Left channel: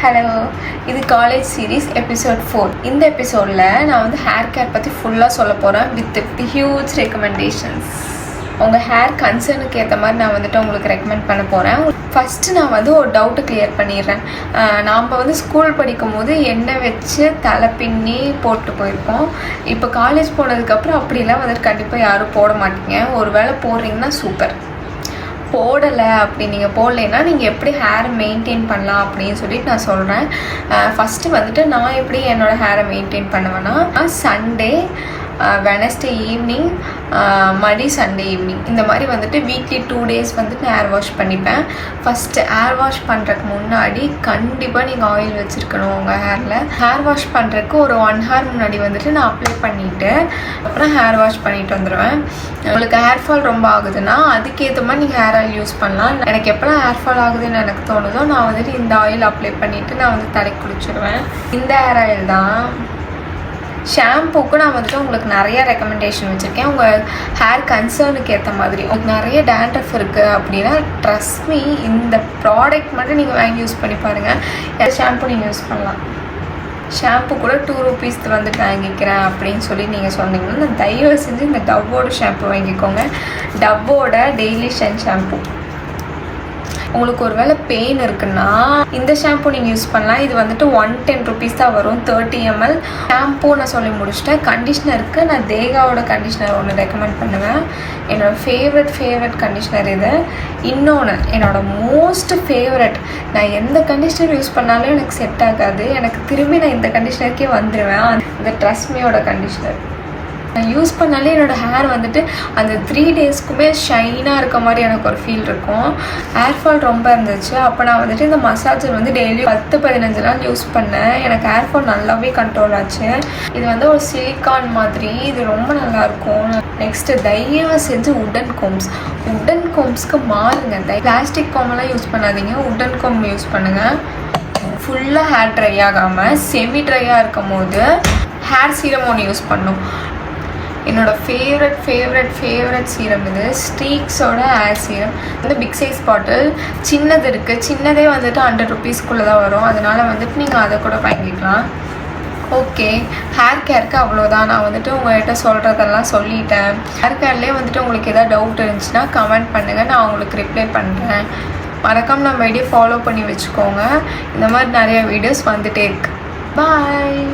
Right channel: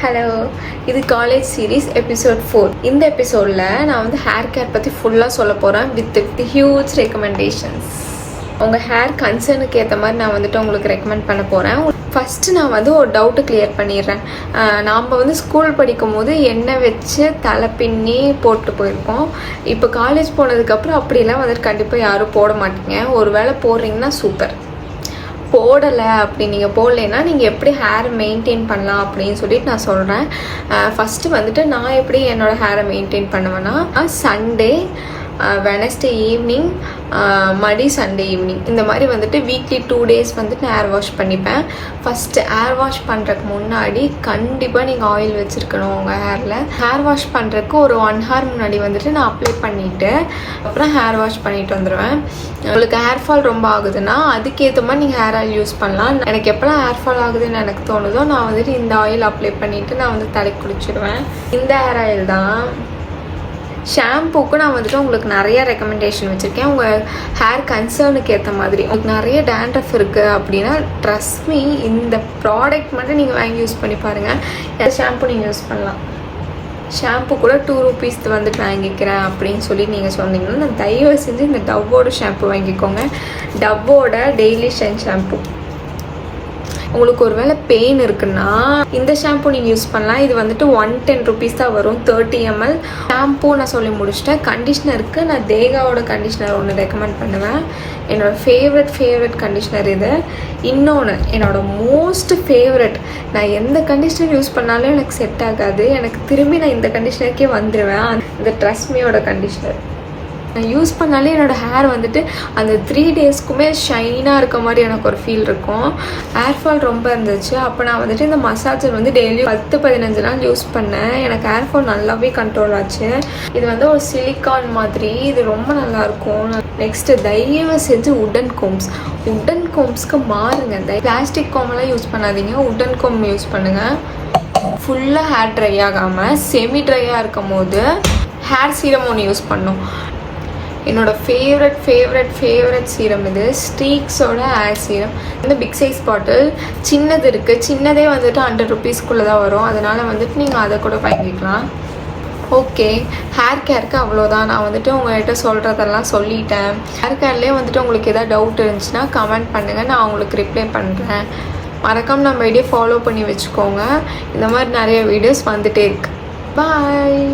Hello, இது college series episode 4. இந்த எபிசோடில் நான் வந்து ஹேர் கேர் பற்றி ஃபுல்லாக சொல்ல போகிறேன் வித் ஹியூஜ் ரெக்கமெண்டேஷன்ஸ். உங்கள் ஹேர் கன்சர்னுக்கு ஏற்ற மாதிரி நான் வந்துட்டு உங்களுக்கு ரெக்கமெண்ட் பண்ண போகிறேன். ஃபஸ்ட்டு நான் வந்து ஒரு டவுட்டு கிளியர் பண்ணிடுறேன். நாம் வந்து ஸ்கூல் படிக்கும் போது எண்ணெய் வச்சு தலை பின்னி போட்டு போயிருக்கோம். இப்போ காலேஜ் போனதுக்கப்புறம் அப்படிலாம் வந்துட்டு கண்டிப்பாக யாரும் போட மாட்டீங்க. ஒரு வேளை போடுறீங்கன்னா சூப்பர். போடலை அப்படி நீங்கள் போடலைன்னா நீங்கள் எப்படி ஹேரை மெயின்டைன் பண்ணலாம் அப்படின்னு சொல்லிட்டு நான் சொல்கிறேன். ஃபஸ்ட்டு வந்துட்டு நான் எப்படி என்னோடய ஹேரை மெயின்டைன் பண்ணுவேன்னா, சண்டே, வெனஸ்டே ஈவினிங், மடி சண்டே ஈவினிங், இந்த மாதிரி வந்துட்டு வீக்லி 2 days வந்துட்டு நான் ஹேர் வாஷ் பண்ணிப்பேன். ஃபஸ்ட்டு ஹேர் வாஷ் பண்ணுறதுக்கு முன்னாடி கண்டிப்பாக நீங்கள் ஆயில் வச்சுருக்கணும் உங்கள் ஹேரில். ஹேர் வாஷ் பண்ணுறதுக்கு ஒரு 1 hour முன்னாடி வந்துட்டு நான் அப்ளை பண்ணிவிட்டு அப்புறம் ஹேர் வாஷ் பண்ணிட்டு வந்துடுவேன். உங்களுக்கு ஹேர் ஃபால் ரொம்ப ஆகுதுன்னா அதுக்கேற்ற மாதிரி நீங்கள் ஹேர் ஆயில் யூஸ் பண்ணலாம். எனக்கு எப்போலாம் ஹேர் ஃபால் ஆகுதுன்னு எனக்கு தோணுதோ நான் வந்துட்டு இந்த ஆயில் அப்ளை பண்ணிவிட்டு நான் வந்து தலைக்கு குளிச்சுடுவேன். இந்த ஹேர் ஆயில் தான். ஷாம்புக்கு நான் வந்துட்டு உங்களுக்கு நிறைய ரெக்கமெண்டேஷன் வச்சுருக்கேன். உங்கள் ஹேர் கன்சர்னுக்கு ஏற்ற மாதிரி. உங்களுக்கு நிறைய டேண்ட்ரஃப் இருக்குது அப்படின்னா ட்ரஸ்ட் மீ, இந்த ப்ராடக்ட் மட்டும் நீங்கள் வாங்கி யூஸ் பண்ணி பாருங்கள். எந்த ஷாம்பு நீங்கள் யூஸ் பண்ணலாம். ஷாம்பு கூட 2 rupees வந்துட்டு வாங்கிக்கிறேன் அப்படின்னு சொல்லி நீங்கள் சொன்னீங்கன்னா நான் தயவு செஞ்சு இந்த டவ்வோட ஷாம்பு வாங்கிக்கோங்க. டவ்வோட டெய்லி ஷைன் ஷாம்பு. உங்களுக்கு ஒரு வேளை பெயின் இருக்குன்னா இந்த ஷாம்பு நீங்கள் யூஸ் பண்ணலாம். இது வந்துட்டு 110 rupees தான் வரும், 30 ml. ஷாம்பு நான் சொல்லி முடிச்சிட்டேன். கண்டிஷ்னருக்கு நான் தேகாவோட கண்டிஷ்னர் ஒன்று ரெக்கமெண்ட் பண்ணுவேன். என்னோடய ஃபேவரட் கண்டிஷ்னர் இது. இன்னொன்று என்னோடய மோஸ்ட் ஃபேவரட், நான் எந்த கண்டிஷ்னர் யூஸ் பண்ணாலும் எனக்கு செட் ஆகாது, எனக்கு திரும்பி நான் இந்த கண்டிஷ்னருக்கே வந்துடுவேன். இந்த ட்ரெஸ்மியோட கண்டிஷ்னர் நான் யூஸ் பண்ணாலே என்னோடய ஹேர் வந்துட்டு அந்த 3 daysக்குமே ஷைனாக இருக்க மாதிரி எனக்கு ஒரு ஃபீல் இருக்கும். ஹேர் ஃபால் ரொம்ப இருந்துச்சு. அப்போ நான் வந்துட்டு இந்த மசாஜர் வந்து டெய்லி 10-15 நாள் யூஸ் பண்ணேன். எனக்கு ஹேர் ஃபால் நல்லாவே கண்ட்ரோல் ஆச்சு. இது வந்து ஒரு சிலிக்கான் மாதிரி, இது ரொம்ப நல்லாயிருக்கும். நெக்ஸ்ட்டு தயவு செஞ்சு உட்டன் கோம்ஸ்க்கு மாறுங்க. பிளாஸ்டிக் கோமெல்லாம் யூஸ் பண்ணாதீங்க, உட்டன் கோம் யூஸ் பண்ணுங்கள். ஃபுல்லாக ஹேர் ட்ரை ஆகாமல் செமி ட்ரையாக இருக்கும் போது ஹேர் சீரம் ஒன்று யூஸ் பண்ணும். என்னோட ஃபேவரட் சீரம் இது. ஸ்டீக்ஸோட ஹேர் சீரம் வந்து பிக் சைஸ் பாட்டில். சின்னது இருக்குது, சின்னதே வந்துட்டு 100 rupeesக்குள்ளே தான் வரும். அதனால் வந்துட்டு நீங்கள் அதை கூட வாங்கிக்கலாம். ஓகே, ஹேர் கேருக்கு அவ்வளோதான். நான் வந்துட்டு உங்கள்கிட்ட சொல்கிறதெல்லாம் சொல்லிட்டேன். ஹேர் கேர்லேயே வந்துட்டு உங்களுக்கு எதாவது டவுட் இருந்துச்சுன்னா கமெண்ட் பண்ணுங்கள், நான் உங்களுக்கு ரிப்ளை பண்ணுறேன். மறக்காம நம்ம வீடியோ ஃபாலோ பண்ணி வச்சுக்கோங்க. இந்த மாதிரி நிறைய வீடியோஸ் வந்துகிட்டே இருக்கு. பாய்.